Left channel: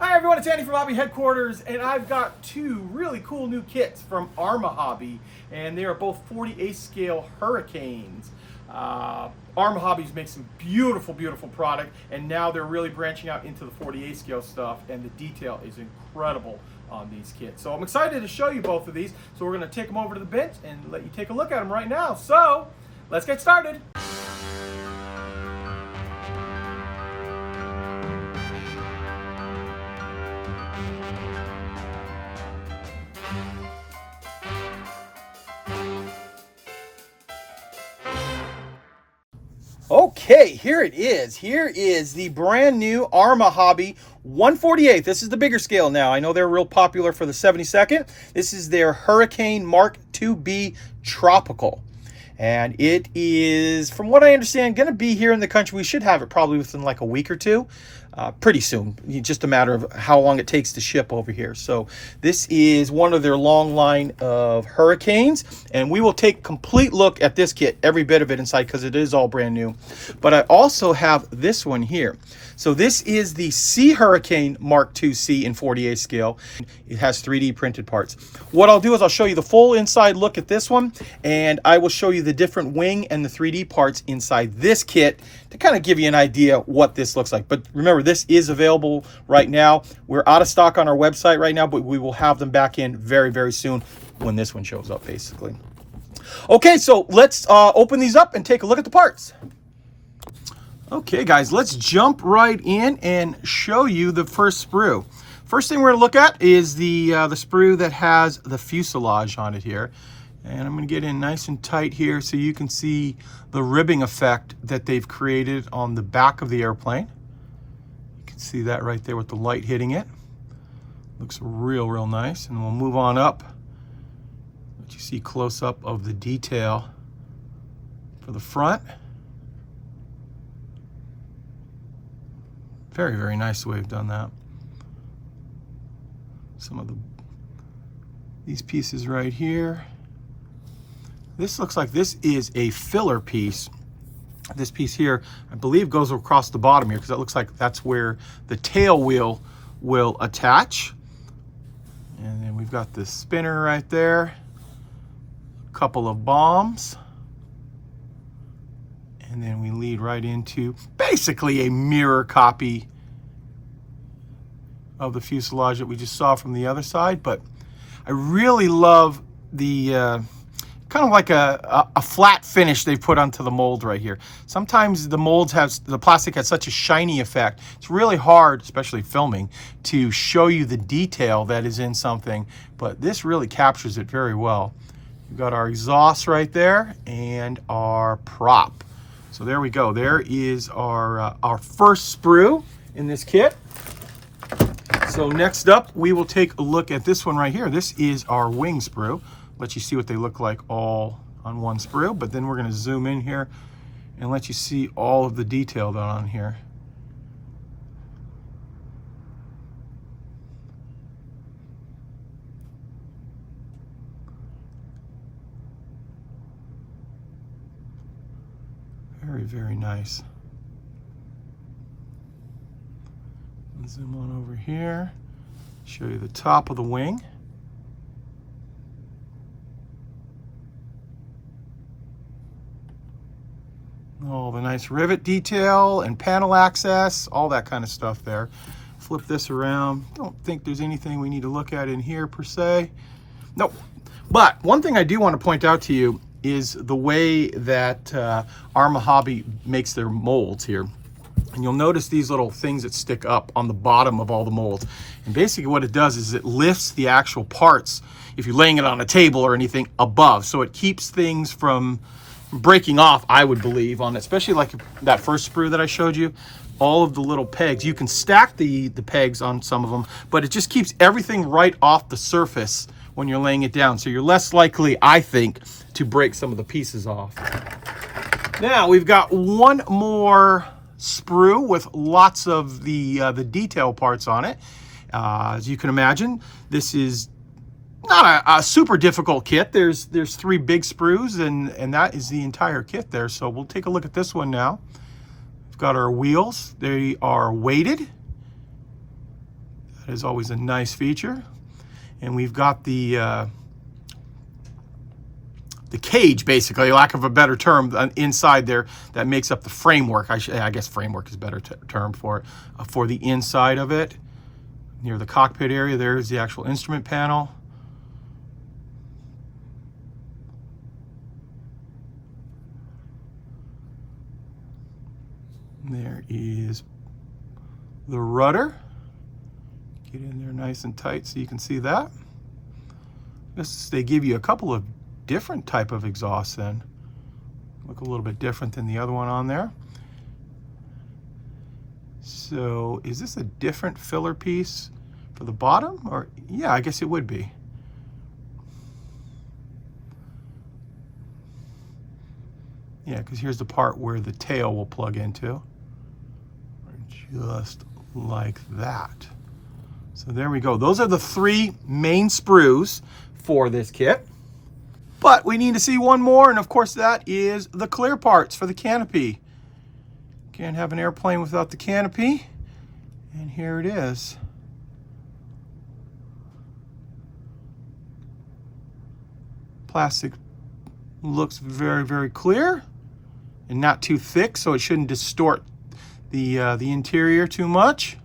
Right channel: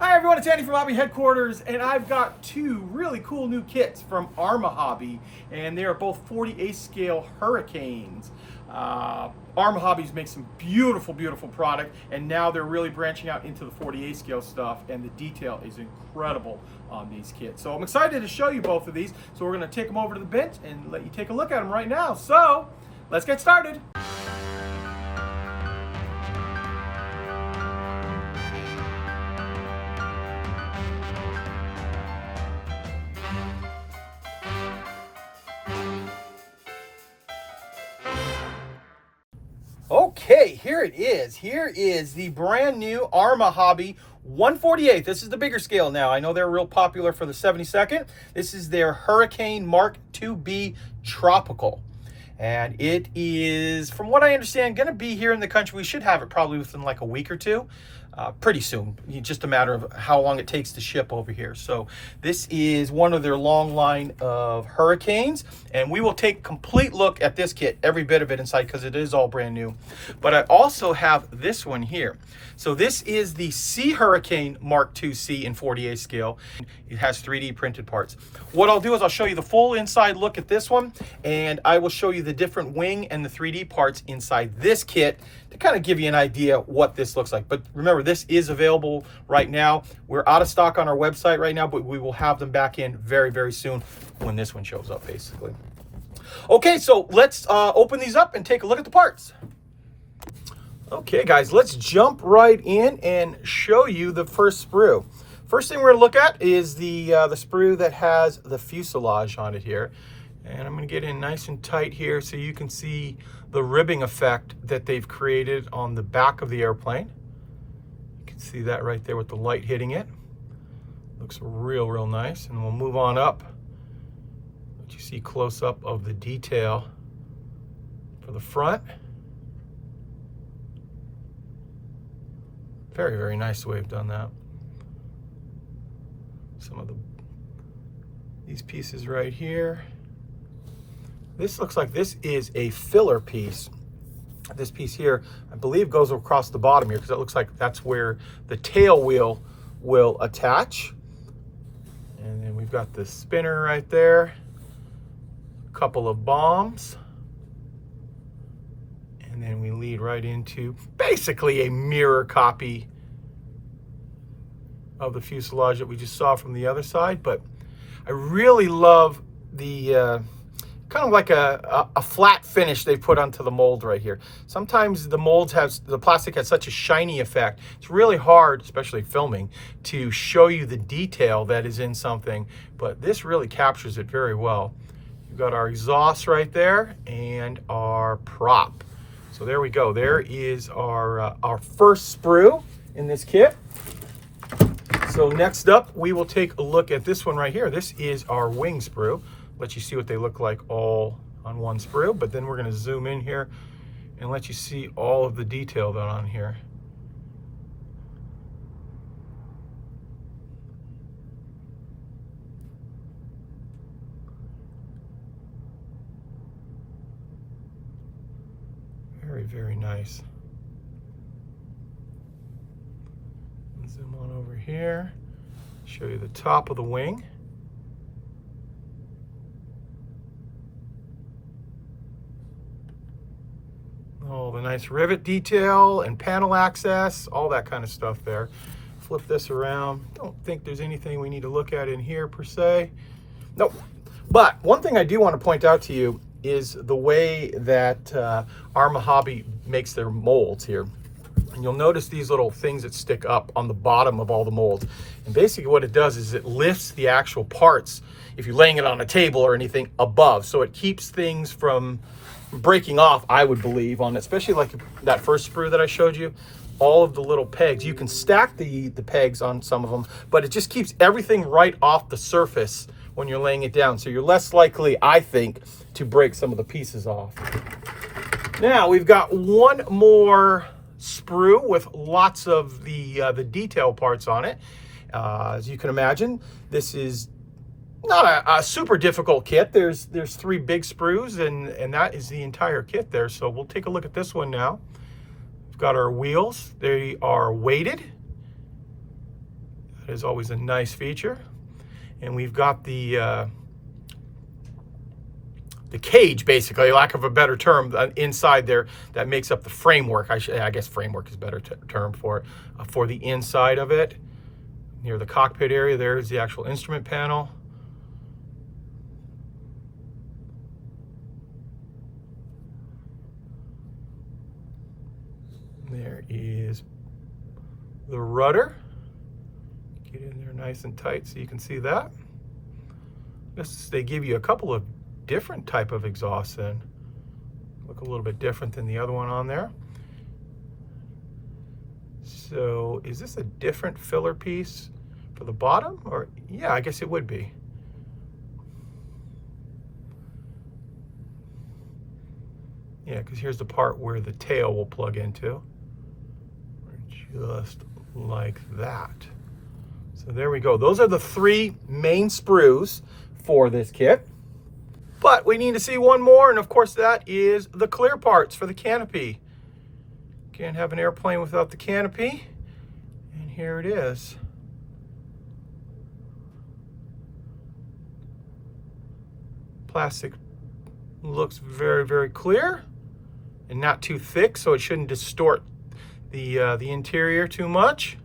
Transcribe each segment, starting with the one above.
Hi everyone, it's Andy from Hobby Headquarters, and I've got two really cool new kits from Arma Hobby, and they are both 48 scale Hurricanes. Arma Hobbies makes some beautiful, beautiful product, and now they're really branching out into the 48 scale stuff, and the detail is incredible on these kits. So I'm excited to show you both of these, so we're going to take them over to the bench and let you take a look at them right now. So let's get started. Okay, here it is. Here is the brand new Arma Hobby 148. This is the bigger scale now. I know they're real popular for the 72nd. This is their Hurricane Mk IIB Tropical. And it is, from what I understand, going to be here in the country. We should have it probably within like a week or two. Pretty soon, just a matter of how long it takes to ship over here. So this is one of their long line of Hurricanes, and we will take a complete look at this kit, every bit of it inside, because it is all brand new. But I also have this one here. So this is the Sea Hurricane Mk IIC in 48 scale. It has 3D printed parts. What I'll do is I'll show you the full inside look at this one, and I will show you the different wing and the 3D parts inside this kit to kind of give you an idea what this looks like. But remember, this is available right now. We're out of stock on our website right now, but we will have them back in very, very soon when this one shows up, basically. Okay, so let's open these up and take a look at the parts. Okay guys, let's jump right in and show you the first sprue. First thing we're gonna look at is the sprue that has the fuselage on it here. And I'm gonna get in nice and tight here so you can see the ribbing effect that they've created on the back of the airplane. You can see that right there with the light hitting it. Looks real nice. And we'll move on up. What you see close up of the detail for the front. Very nice the way they've done that. Some of these pieces right here. This looks like this is a filler piece. This piece here, I believe, goes across the bottom here because it looks like that's where the tail wheel will attach. And then we've got the spinner right there. A couple of bombs. And then we lead right into basically a mirror copy of the fuselage that we just saw from the other side. But I really love the kind of like a flat finish they've put onto the mold right here. Sometimes the molds have, the plastic has such a shiny effect. It's really hard, especially filming, to show you the detail that is in something, but this really captures it very well. We've got our exhaust right there and our prop. So there we go. There is our first sprue in this kit. So next up, we will take a look at this one right here. This is our wing sprue. Let you see what they look like all on one sprue, but then we're going to zoom in here and let you see all of the detail done on here. Very nice. Zoom on over here, show you the top of the wing. All the nice rivet detail and panel access, all that kind of stuff there. Flip this around. Don't think there's anything we need to look at in here per se. Nope. But one thing I do want to point out to you is the way that Arma Hobby makes their molds here. And you'll notice these little things that stick up on the bottom of all the molds. And basically what it does is it lifts the actual parts, if you're laying it on a table or anything, above. So it keeps things from breaking off, I would believe, on it. Especially like that first sprue that I showed you. All of the little pegs. You can stack the pegs on some of them, but it just keeps everything right off the surface when you're laying it down. So you're less likely, I think, to break some of the pieces off. Now we've got one more sprue with lots of the detail parts on it. As you can imagine, this is not a super difficult kit. There's 3 big sprues and that is the entire kit there. So we'll take a look at this one now. We've got our wheels. They are weighted. That is always a nice feature. And we've got the cage, basically, lack of a better term, inside there that makes up the framework. I guess framework is a better term for it, for the inside of it. Near the cockpit area, there's the actual instrument panel. There is the rudder. Get in there nice and tight so you can see that. They give you a couple of different type of exhausts then. Look a little bit different than the other one on there. So is this a different filler piece for the bottom? Or yeah, I guess it would be. Yeah, because here's the part where the tail will plug into. Just like that. So there we go. Those are the 3 main sprues for this kit. But we need to see one more, and of course that is the clear parts for the canopy. Can't have an airplane without the canopy. And here it is. Plastic looks very, very clear and not too thick, so it shouldn't distort the interior too much.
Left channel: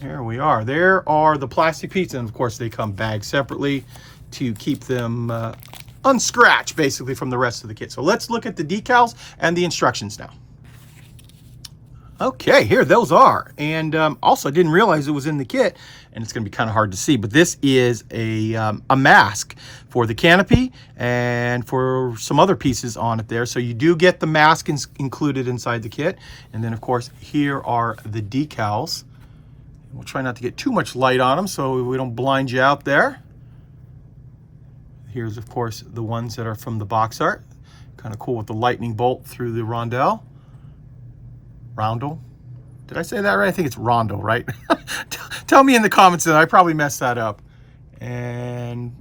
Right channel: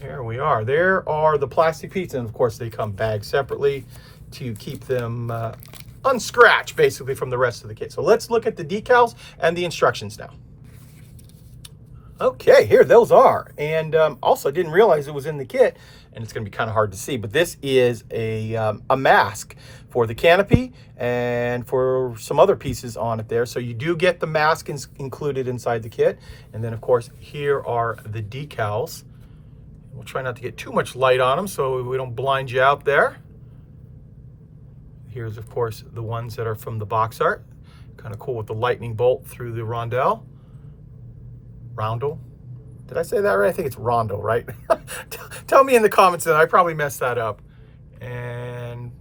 There we are. There are the plastic pieces, and of course they come bagged separately to keep them unscratched, basically, from the rest of the kit. So let's look at the decals and the instructions now. Okay, here those are. And also, I didn't realize it was in the kit, and it's going to be kind of hard to see, but this is a mask for the canopy and for some other pieces on it there. So you do get the mask included inside the kit. And then, of course, here are the decals. We'll try not to get too much light on them so we don't blind you out there. Here's, of course, the ones that are from the box art. Kind of cool with the lightning bolt through the roundel. Roundel? Did I say that right? I think it's roundel, right? Tell me in the comments that I probably messed that up. And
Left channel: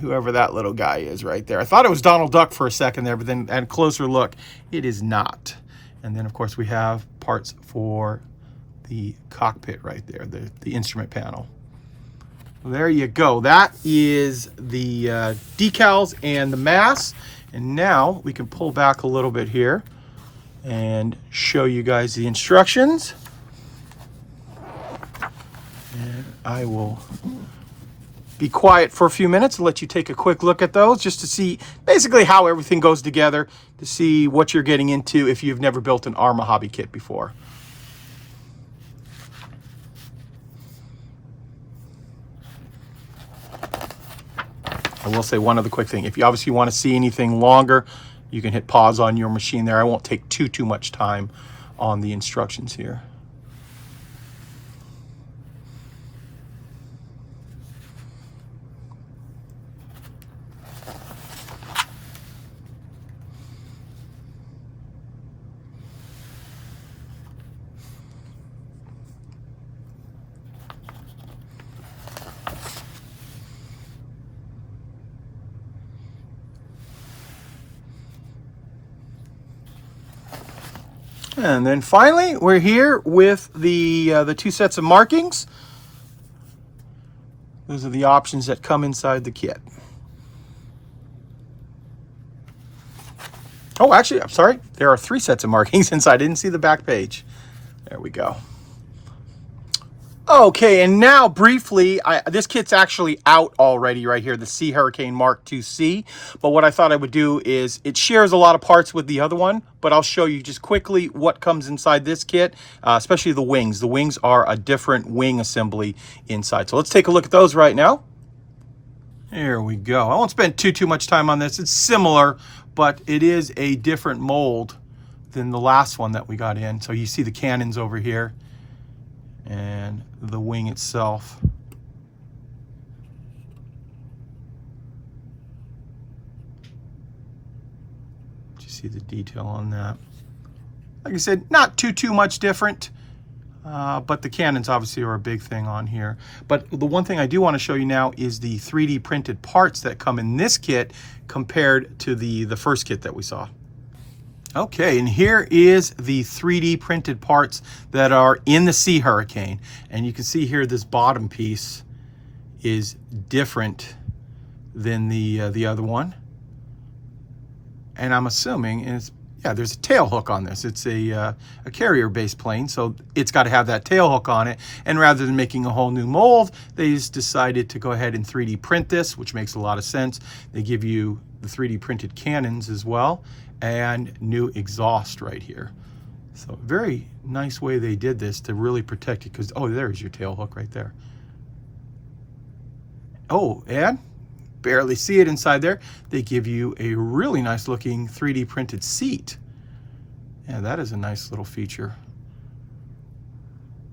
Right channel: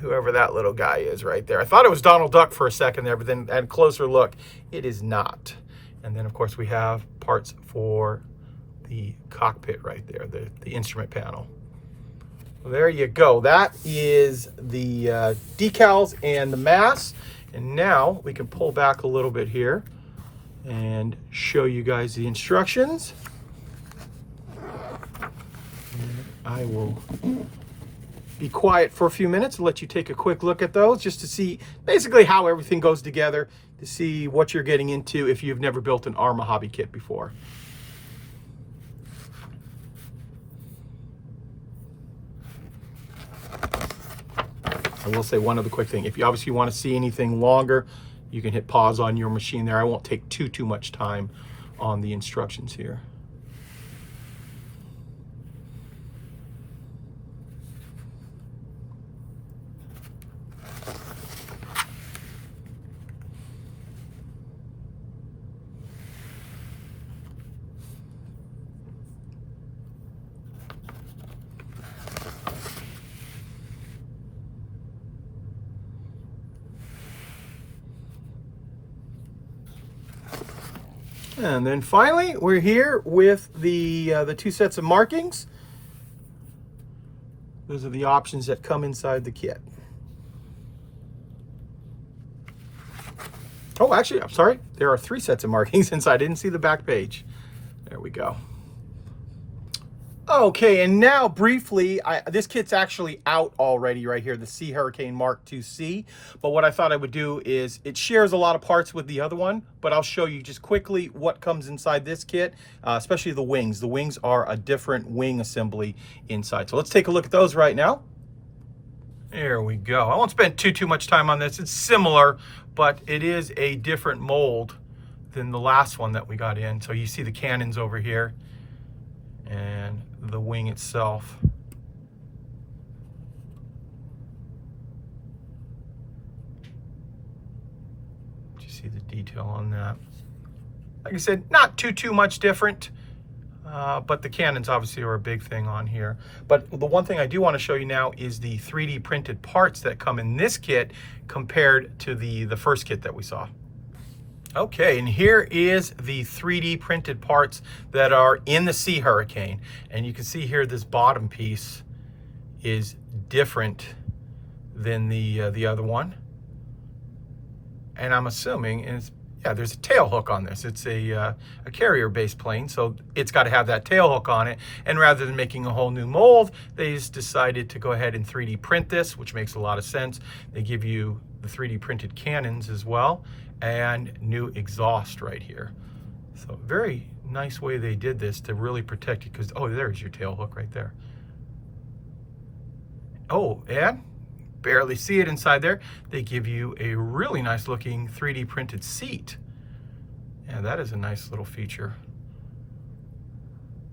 whoever that little guy is right there. I thought it was Donald Duck for a second there, but then at closer look, it is not. And then, of course, we have parts for the cockpit right there, the instrument panel. Well, there you go. That is the decals and the mass. And now we can pull back a little bit here and show you guys the instructions. And I will be quiet for a few minutes and let you take a quick look at those just to see basically how everything goes together, to see what you're getting into if you've never built an Arma hobby kit before. I will say one other quick thing. If you obviously want to see anything longer, you can hit pause on your machine there. I won't take too much time on the instructions here. And then finally, we're here with the 2 sets of markings. Those are the options that come inside the kit. Oh, actually, I'm sorry. There are 3 sets of markings inside. I didn't see the back page. There we go. Okay, and now briefly, this kit's actually out already right here, the Hurricane Mk IIC. But what I thought I would do is, it shares a lot of parts with the other one, but I'll show you just quickly what comes inside this kit, especially the wings. The wings are a different wing assembly inside. So let's take a look at those right now. Here we go. I won't spend too much time on this. It's similar, but it is a different mold than the last one that we got in. So you see the cannons over here and the wing itself. You see the detail on that. Like I said, not too much different, but the cannons obviously are a big thing on here. But the one thing I do want to show you now is the 3D printed parts that come in this kit compared to the first kit that we saw. Okay, and here is the 3D printed parts that are in the Sea Hurricane. And you can see here this bottom piece is different than the other one. And I'm assuming, and it's, yeah, there's a tail hook on this. It's a carrier-based plane, so it's got to have that tail hook on it. And rather than making a whole new mold, they just decided to go ahead and 3D print this, which makes a lot of sense. They give you the 3D printed cannons as well, and new exhaust right here. So very nice way they did this to really protect it, because, oh, there's your tail hook right there. Oh, and barely see it inside there. They give you a really nice looking 3D printed seat. Yeah, that is a nice little feature.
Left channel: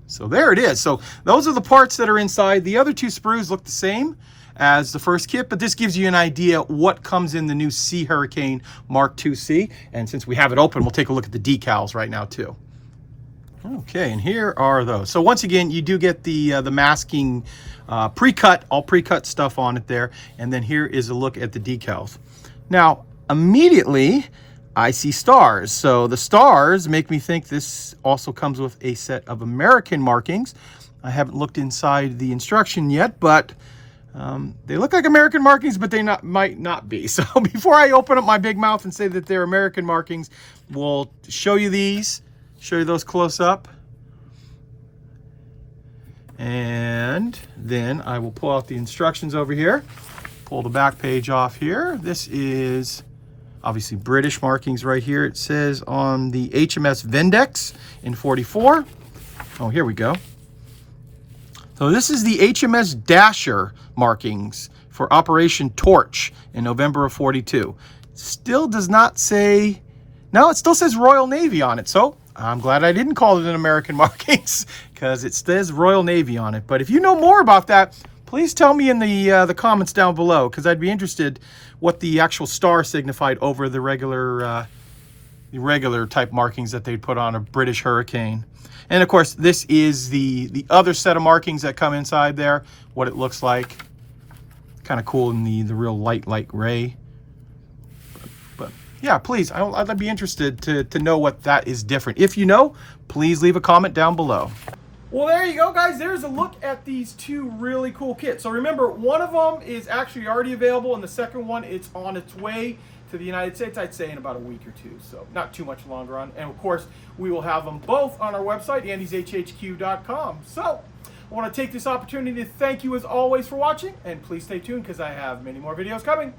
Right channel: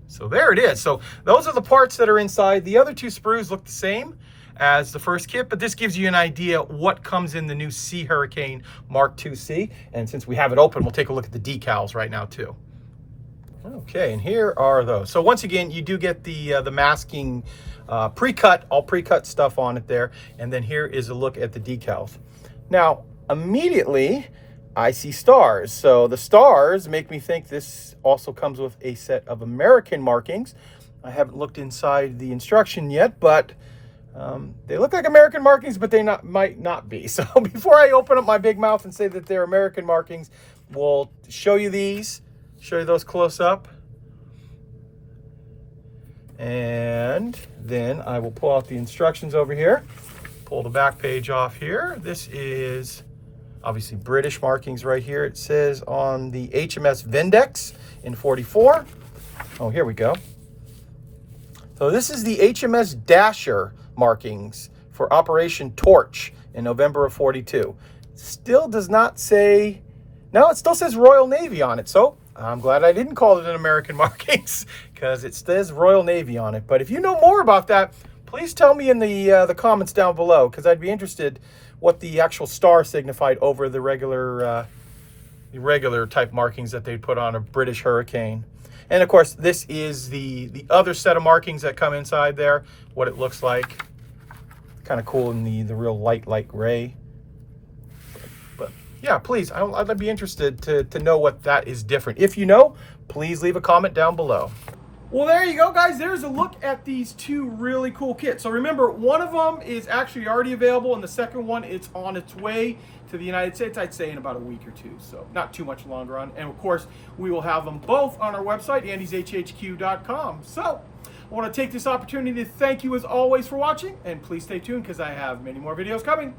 So there it is. So those are the parts that are inside. The other two sprues look the same as the first kit, but this gives you an idea what comes in the new Sea Hurricane Mk IIC. And since we have it open, we'll take a look at the decals right now too. Okay, and here are those. So once again, you do get the masking pre-cut, all pre-cut stuff on it there. And then here is a look at the decals. Now, immediately, I see stars. So the stars make me think this also comes with a set of American markings. I haven't looked inside the instruction yet, but they look like American markings, but they might not be. So before I open up my big mouth and say that they're American markings, we'll show you these. Show you those close up. And then I will pull out the instructions over here. Pull the back page off here. This is obviously British markings right here. It says on the HMS Vindex in 44. Oh, here we go. So this is the HMS Dasher markings for Operation Torch in November of 42. Still does not say, no, it still says Royal Navy on it. So I'm glad I didn't call it an American markings, because it says Royal Navy on it. But if you know more about that, please tell me in the comments down below, because I'd be interested what the actual star signified over the regular type markings that they'd put on a British Hurricane. And of course, this is the other set of markings that come inside there, what it looks like. Kind of cool in the real light gray. Yeah, please, I'd be interested to know what that is different. If you know, please leave a comment down below. Well, there you go, guys. There's a look at these two really cool kits. So remember, one of them is actually already available, and the second one, it's on its way to the United States, I'd say in about a week or two. So not too much longer on. And of course, we will have them both on our website, andyshhq.com. So I want to take this opportunity to thank you as always for watching, and please stay tuned because I have many more videos coming.